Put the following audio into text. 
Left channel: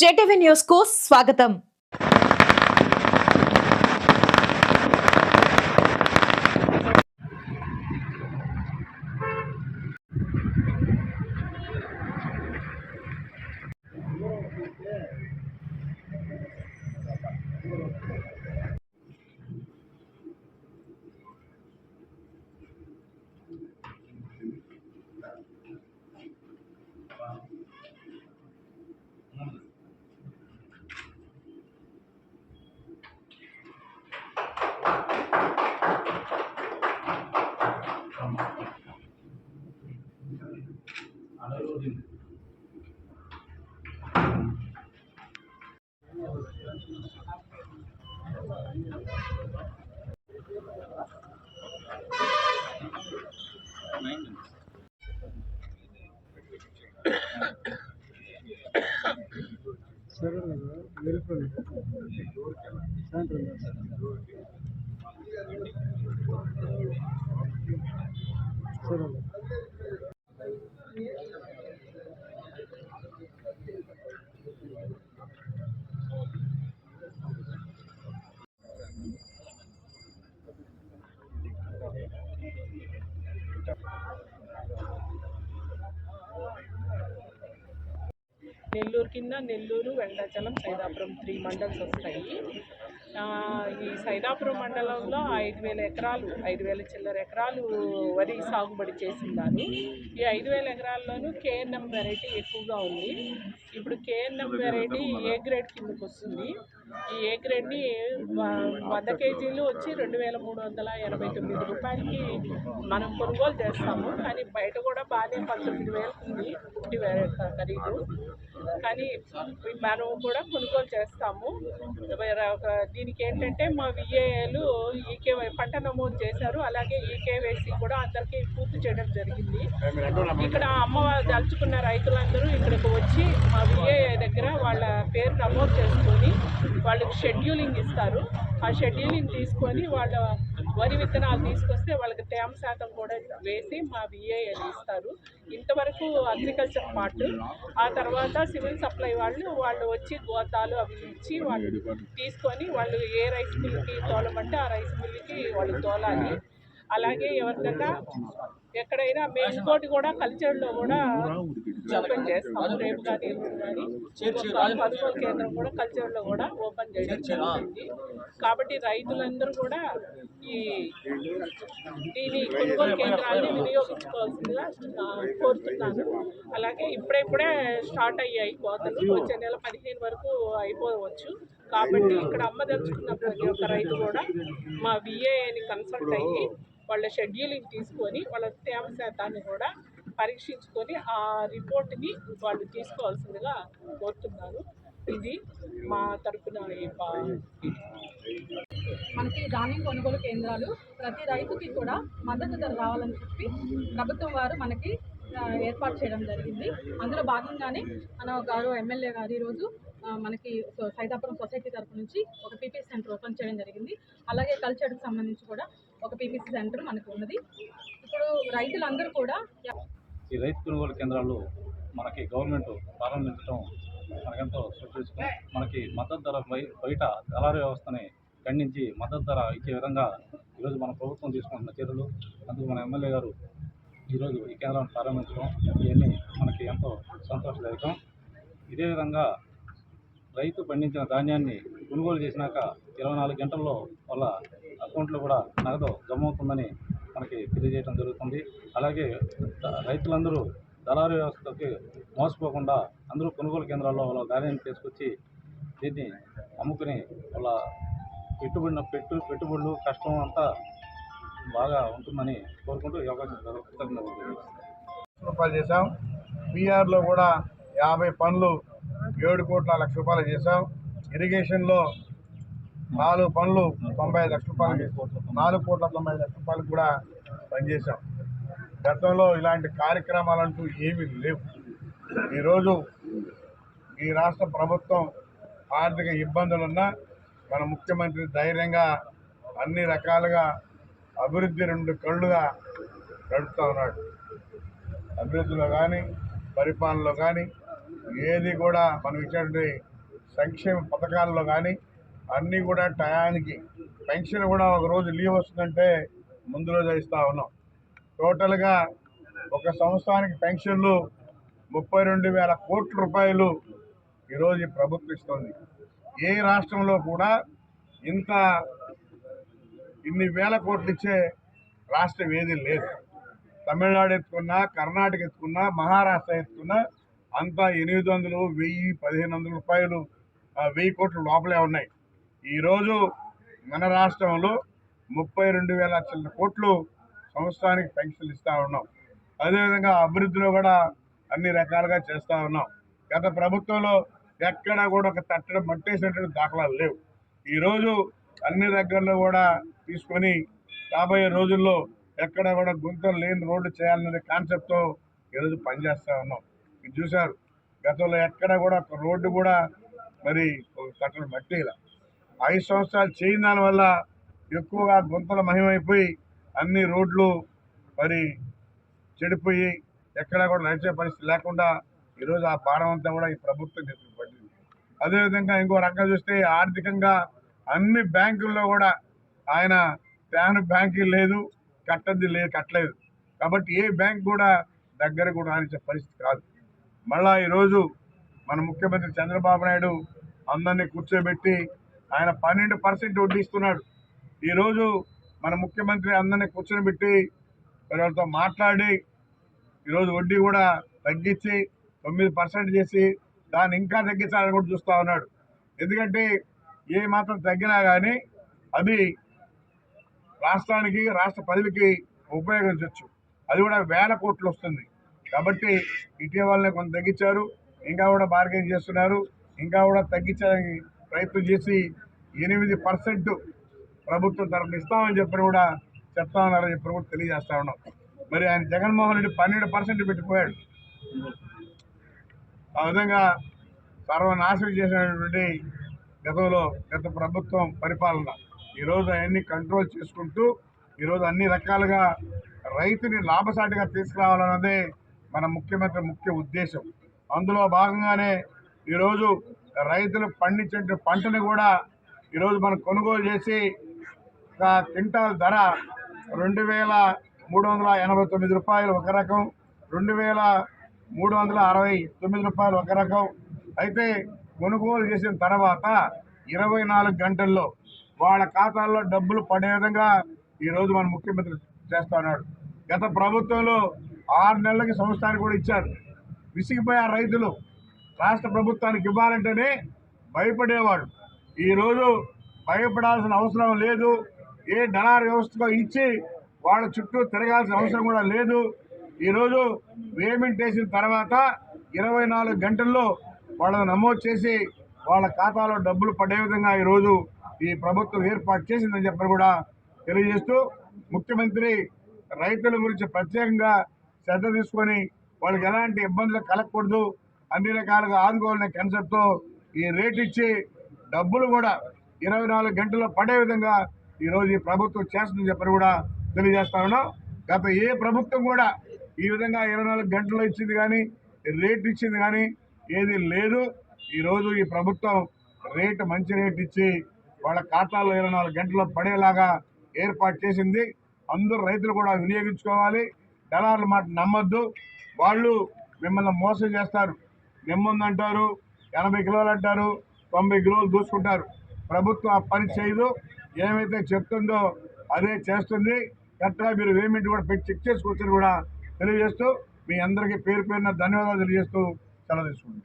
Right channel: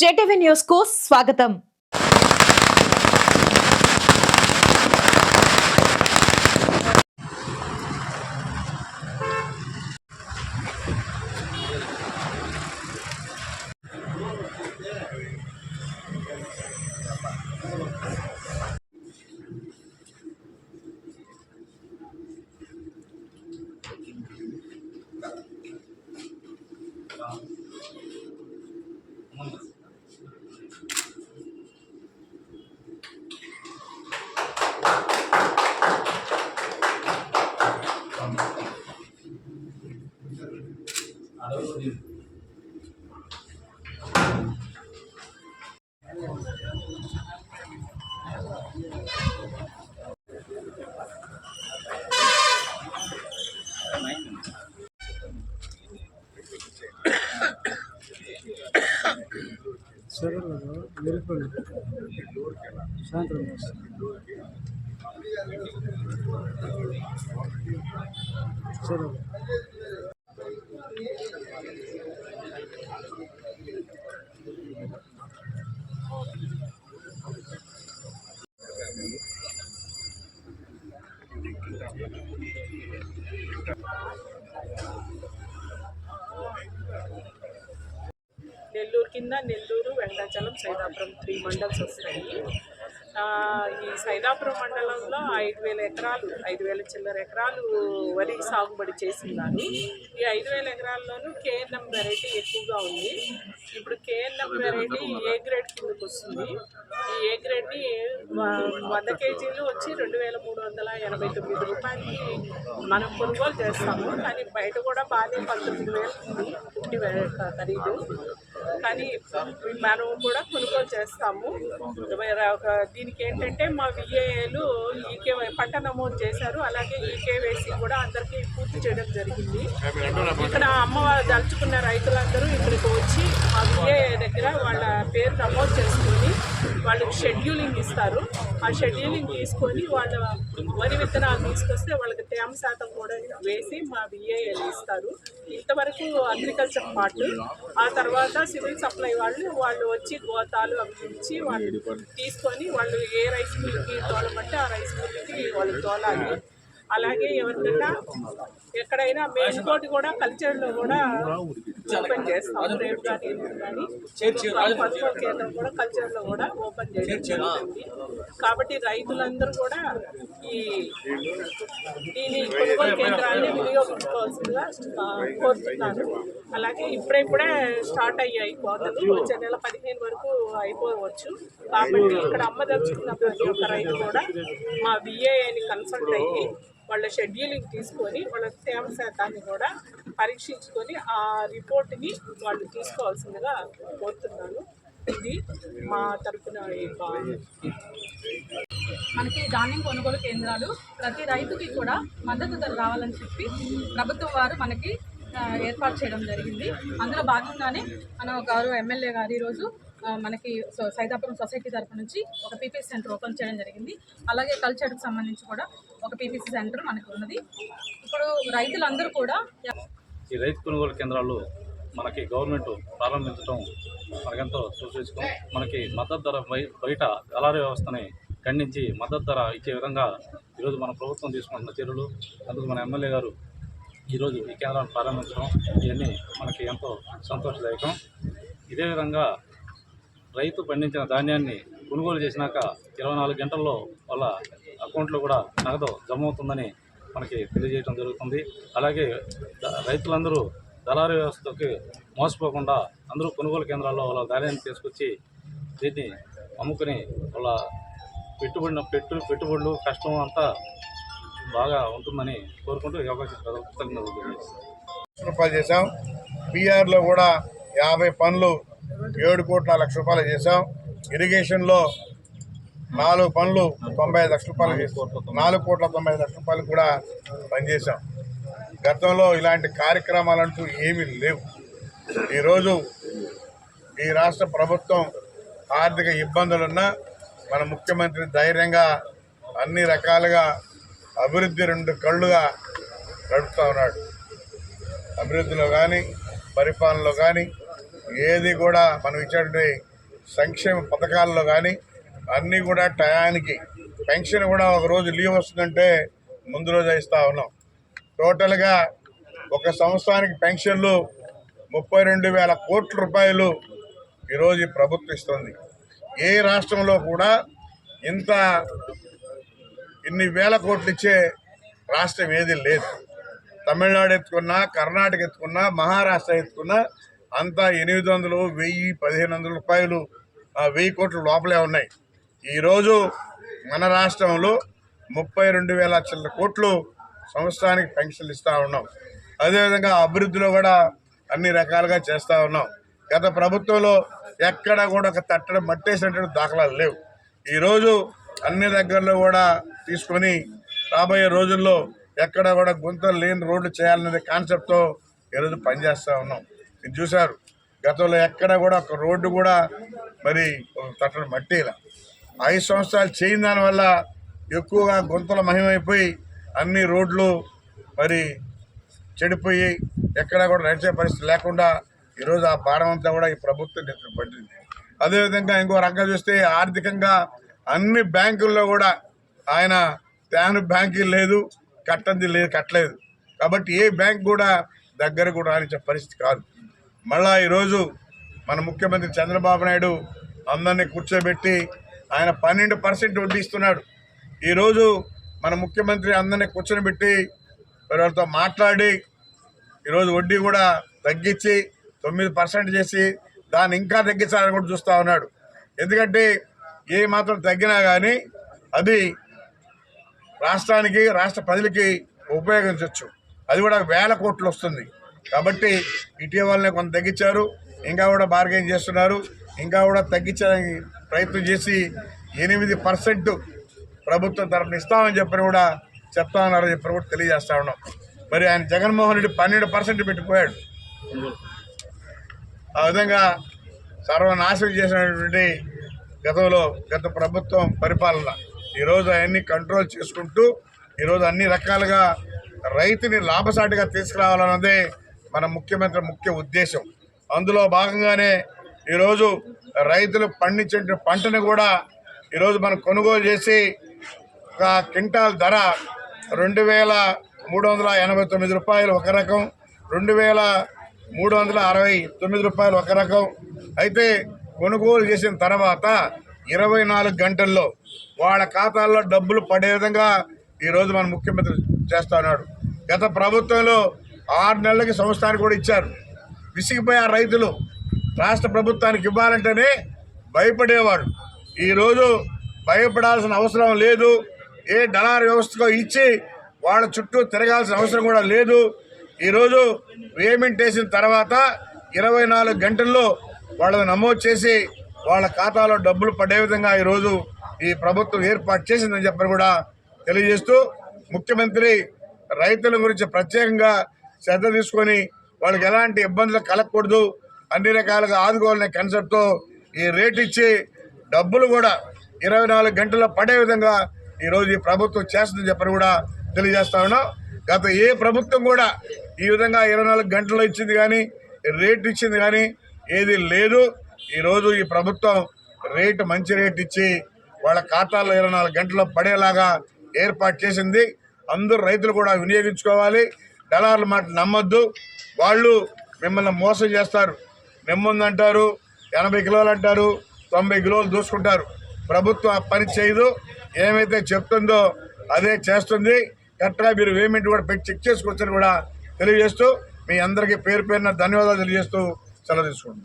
JTV news కు స్వాగతం. నెల్లూరు కింద నెల్లూరు, వెంకటాచలం, సైదాపురం 3 మండల్స్ వస్తాయి. ఈ సైదాపురం మండలంలో 5,000 ఎకరాలు 5,000 చిల్లర ఎకరాలు వరి సాగుబడి చేస్తున్నారు. ఈ 5,000 ఎకరాల్లోనూ కేఎన్ఎం వెరైటీ ఎక్కువగా ఉంది. ఇప్పుడు కేఎన్ఎం వెరైటీ ఏ గ్రేడ్ కిందకు వస్తుంది. ఈ ఏ గ్రేడ్ని 100 కేజీలు వచ్చి 2,389 రూపాయలకి మనం కొనుగోలు చేస్తాము. కానీ బయట కూడా బాగానే 19,000 ఉంది పుట్టి ఖరీదు. కానీ మనం కూడా కొనుగోలు చేస్తాము. దీనికి ఏంటంటే మా విఏఏలు ఈకే పంట నమోదు చేశారు. అలాగే ఈకేవైసీ కూడా అందరికీ పూర్తి చేయడం జరిగింది. ఇక్కడ అమ్మవారు దలుచుకున్న రైతులందరూ ఇక్కడికి వచ్చి మా విఏఏ దగ్గర వాళ్ళ పేరు నమోదు చేసుకొని వాళ్ళకి షెడ్యూలింగ్ ఇస్తారు. ఆ షెడ్యూలింగ్ తీసుకొని వాళ్ళ వరి విత్తనాలు తీసుకొస్తే వాళ్ళకి తేమ శాతం కూడా వేసి మా విఏఏలు ఇస్తారు. ఇంతవరకు అగ్రికల్చర్ పార్ట్. ఆ తర్వాత సివిల్ సప్లై వాళ్ళు వచ్చి గోతాలు అవి ఇచ్చి వాళ్ళు తీసుకొని వాళ్ళు ఏ రైస్ మిల్కి తోలమంటే ఆ రైస్ మిల్కి వాళ్ళు తోలాలి. అలాగే ఎవరికన్నా ఎక్కడైనా ఇంకోటి కూడా కల్చర్లో కూడా ఓపెన్ చేస్తాము. రేపు కానీ ఎల్లుండి కానీ కొనుగోలు కేంద్రం కూడా కల్చర్లో కూడా ఓపెన్ చేయడం జరుగుతుంది. కాబట్టి రైతులందరూ కూడా దీని కొనుగోలు కేంద్రాన్ని వినియోగించుకోవాల్సిందిగా కోరుతున్నాను. అలాగే ఇప్పుడే స్టార్ట్ అయ్యాయి కోతలు. వచ్చే నెల 15 వరకు అయిపోవచ్చు. కాబట్టి ఇక్కడ అమ్మదలుచుకున్న ప్రతి ఒక్క రైతు కూడా మా విఏఏని కన్సల్ట్ అయ్యి వాళ్ళ షెడ్యూలింగ్ తీసుకొని వాళ్ళ తేమ శాతాన్ని కూడా పరీక్షించుకొని ఆ రిపోర్ట్ని వాళ్ళు తీసుకోవాల్సిందిగా కోరుతున్నాను. ఇది మా తరఫున మనకి ధాన్యం కొనుగోలు కేంద్రాలు ప్రతి రైతుకి కూడా మద్దతు ధర రావాలని చెప్పి ప్రభుత్వం వారు మనకి ఏర్పాటు చేయడం జరిగింది. అందులో భాగంగానే మన గౌరవ ఎమ్మెల్యే గారు ఈరోజు మనకి సైదాపురం సొసైటీ తరఫు నుంచి ఒక పీపీసీ సెంటర్ ఓపెన్ చేయడం జరిగింది. అలాగే కల్చర్కి సంబంధించి కూడా ఒక పీపీసీ సెంటర్ మనకు ఉన్నది. ఇప్పుడు రైతులందరూ కూడా ఈ రైతు కొనుగోలు కేంద్రాలు మనకి గవర్నమెంట్ ప్రారంభించడం మనకెంతో సూచించుకో. మనకి మద్దతు ధర బయట దళారీ వ్యవస్థని ఖండించి మద్దతు ధర ఇచ్చే విధంగా ఈరోజు మన ప్రభుత్వం తీసుకుంటున్న చర్యలు, అందుకు మన ఎమ్మెల్యే గారు ఈరోజు ఈ కేంద్రాన్ని ప్రారంభించడం ఇవన్నీ మనకి ఎంతో సంతోషదాయకం. ఇదే విధంగా రైతు పండించిన ధాన్యాన్ని కొనుగోలు చేసినాక 24 గంటల్లో వాళ్ళ అకౌంట్లో కూడా నగదు జమ అవుతుందని మనకి తెలియజేయడం జరుగుతుంది. అలాగే రైతులందరూ దళారీ వ్యవస్థకి మోసపోకుండా అందరూ కొనుగోలు కేంద్రాల్లో వాళ్ళ ధాన్యాన్ని తీసుకొచ్చి దీన్ని అమ్ముకుని వాళ్ళ పెట్టుబడులు కష్టం అంతా బాగా ఉంటుందని కోరుకుంటూ ఈ అవకాశం రూపాయలు చేశాం. బీఆర్లో కూడా 50 పనులు 7 కోట్ల లక్ష రూపాయలు చేశాం. ఇరిగేషన్లో 4 పనులు 95 లక్షల రూపాయలు చేసాం. 4 కోట్ల 95 లక్షల రూపాయలు కూడా పనిచేశాం. గతంలో ఇలాంటి కార్యక్రమాలంటూ ఏమీ లేవు. ఈరోజు ఈ రాష్ట్ర ప్రభుత్వం ఆర్థిక ఇబ్బందులున్నా మన ముఖ్యమంత్రి ధైర్యంగా అన్ని రకాలుగా అభివృద్ధి 2 కళ్ళుగా నడుపుతూ ఉన్నాడు. అభివృద్ధిలో కానీ పరిపాలనలో కానీ ఏది కూడా మనం ఇచ్చేటువంటి సంక్షేమ పథకాల్లో కానీ అన్నీ కూడా టయానికి పెన్షన్ కూడా ఒక రోజు లీవ్ వస్తుందంటే ముందు రోజు ఇస్తూ ఉన్నాం. టోటల్గా ఒక సంవత్సరానికి పెన్షన్లు 32,000 కోట్ల రూపాయలు ఈరోజు ఈ ప్రభుత్వం ఇస్తుంది. ఏ రాష్ట్రంలో కూడా ఇన్ని వేల కోట్లు ఇచ్చే రాష్ట్రం ఏది లేదు. తమిళనాడు ఎత్తుకున్నా, కర్ణాటక ఎత్తుకున్నా, మహారాష్ట్ర ఎత్తుకున్నా అంతా 800, 1000, 1500 రూపాయలు 1000 కోట్ల లోపలే ఉన్నాయి. ఈరోజు మన రాష్ట్రంలో 32,000 చిల్లర కోట్లు సంవత్సరానికి పెన్షన్లు ఇస్తూ ఉన్నాం. అదేవిధంగా అభివృద్ధిలో కూడా అన్ని రకాలుగా చేస్తూ ఉన్నాం. గత ప్రభుత్వంలో ఎక్కడ కూడా ఒక తట్టడం మట్టేసినటువంటి దాఖలాలు లేవు. ఈరోజు అన్ని దగ్గరలో కూడా తీసుకొని రాబోయే రోజుల్లో ఎక్కడ కూడా గుంతలు లేని రోడ్లు చేయాలనే కాన్సెప్ట్తో ఈరోజు పనిచేస్తూ ఉన్నాం. మీరు చూశారు, గతంలో ఎక్కడ కూడా ఒక రోడ్డు కూడా మరి ఒక తట్టడం మట్టిలా 5 సంవత్సరాలు చేయని దానివల్ల ఎక్కువగా గుంతల మహిమైపోయి అన్ని రోడ్లు మరి చెడిపోయి ఎక్కడా కూడా నడిచే పరిస్థితి లేకుండా ఈరోజు ఆ భారం అంతా కూడా ఈ ప్రభుత్వం నెత్తిన పడింది. అదేవిధంగా ఇంకో రకంగా చూస్తే ఆర్థికంగా అన్ని బ్యాంకుల్లో కూడా ఆయన తేను బ్యాంకు లేదు, కట్టలేదు. కాబట్టి ఏ బ్యాంక్ కూడా దగ్గర కూడా రానిచ్చే పరిస్థితి కాదు. మళ్ళా ఈరోజు మన ముఖ్యమంత్రి చంద్రబాబు నాయుడు అందరినీ కూర్చోబెట్టి ఆయన 12% వడ్డీ ఇస్తున్నాడు. ఈరోజు మన ముఖ్యమంత్రి అందరినీ కూర్చొని వాళ్ళతో మాట్లాడి ఈరోజు వడ్డీ కూడా తగ్గించి 9% చేసి దాన్ని ఇంకా తగ్గించాలని కూడా చూస్తూ ఉన్నాడు. ఎందుకంటే ఏ మాత్రం తగ్గినా కానీ అది రాష్ట్రానికి, రాష్ట్ర ప్రజలకి ఉపయోగించవచ్చు. అది కూడా 1000 కోట్లు వస్తుంది. కాబట్టి ఇటీవలనే కొంత తగ్గించారు, ఇంకా కూడా బార్గెన్ చేస్తున్నారు, ఇంకా కూడా తగ్గించడానికి ప్రయత్నం చేసి 8% ప్రభుత్వం తరఫున ఇస్తామని చెప్పని కూడా చెప్తా ఉన్నారని చెప్పని కూడా తెలియజేస్తా ఉన్నాం. మరి ఆయన జగన్మోహన్ రెడ్డి 12% పెట్టిపోయాడు. ఆ విధంగా సర్వనాశనం చేసినటువంటి గత ప్రభుత్వం పరిపాలన ఈరోజు అవన్నీ కంట్రోల్ చేసుకుంటూ ఈరోజు అన్ని రకాలుగా రైతుని లాభసాటిగా తీసుకురావాలన్నదే మన ముఖ్యమంత్రి ముఖ్య ఉద్దేశం. అందులో భాగంగానే ఈరోజు రైతులు పండించే పంటను కూడా ఈరోజు మనం కొనుగోలు చేసి ఒక క్వింటాల్ ధర 2,389 రూపాయలు ఒక రకం, 2,369 రూపాయలు ఒక రకం. అయితే కొనుగోలు చేసిన తర్వాత 24 గంటల్లో వాళ్ళ ఖాతాల్లో డబ్బులు పడే విధంగా ఈరోజు మన ముఖ్యమంత్రి చేస్తా ఉన్నాడు. గత ప్రభుత్వంలో 6 నెలలకి సంవత్సరానికి కూడా ఇచ్చారు. విసిగిపోయి ఆ రైతులు రాష్ట్ర ప్రభుత్వానికి ఇవ్వాలంటేనే భయపడేవాడు. ఈరోజు భయపడాల్సిన అవసరం లేదు. ఏ దళారు వ్యవస్థగా ఇచ్చి వాళ్ళ చుట్టూ తిరగాల్సిన అవసరం కూడా లేదు. ఈరోజు పేమెంట్ వేసిన తర్వాత 24 గంటల్లో వాళ్ళని నమోదు చేసి వాళ్ళ ఖాతాలో డబ్బులు పడే విధంగా ఈరోజు ఈ ప్రభుత్వం ఏర్పాటు చేసిందని చెప్పని కూడా తెలియజేస్తూ, ముఖ్యమంత్రి రైతుల గురించి ప్రత్యేకంగా శ్రద్ధ తీసుకొని వాళ్ళకి ఎలాంటి ఇబ్బందులు కలగకూడదు, అన్ని రకాలుగా ఆదుకోవాలనే కాన్సెప్ట్తో ఈ రేట్ ఇచ్చి డబ్బులు కూడా 24 గంటల్లో పడే విధంగా ఈరోజు ఈ ప్రభుత్వం చేస్తుందని చెప్పని కూడా తెలియజేస్తా ఉన్నాం. గత ఏ ప్రభుత్వం కూడా ఈ విధంగా 24 గంటల్లో ఇచ్చింది కానీ రేట్ ఇచ్చింది కానీ ఏది లేదు. ఈరోజు ఈ ప్రభుత్వం మంచి రేట్ ఇచ్చి వాళ్ళ ఖాతాల్లో 24 గంటల్లో పడేలాగా ఏర్పాటు చేసింది. అందరూ రైతులు కూడా వినియోగించుకోవాలి. దళారుల మాట నమ్మొద్దు. వాళ్ళు మిమ్మల్ని మోసం చేస్తారు. నెమ్ముందంటారు, 80 కిలోలు అంటారు, 90 కిలోలు దూసుకుంటారు. ప్రభుత్వం ఆ పని చేయదు. ఏమైతే చెప్తుందో అదే చేస్తుంది. కరెక్ట్గా మీరు పేమెంట్ కూడా పెట్టి చెక్ చేసుకోవచ్చని కూడా తెలియజేస్తూ మీ అందరికీ పేరు పేరున ధన్యవాదాలు తెలియజేస్తూ సెలవు తీసుకుంటాం.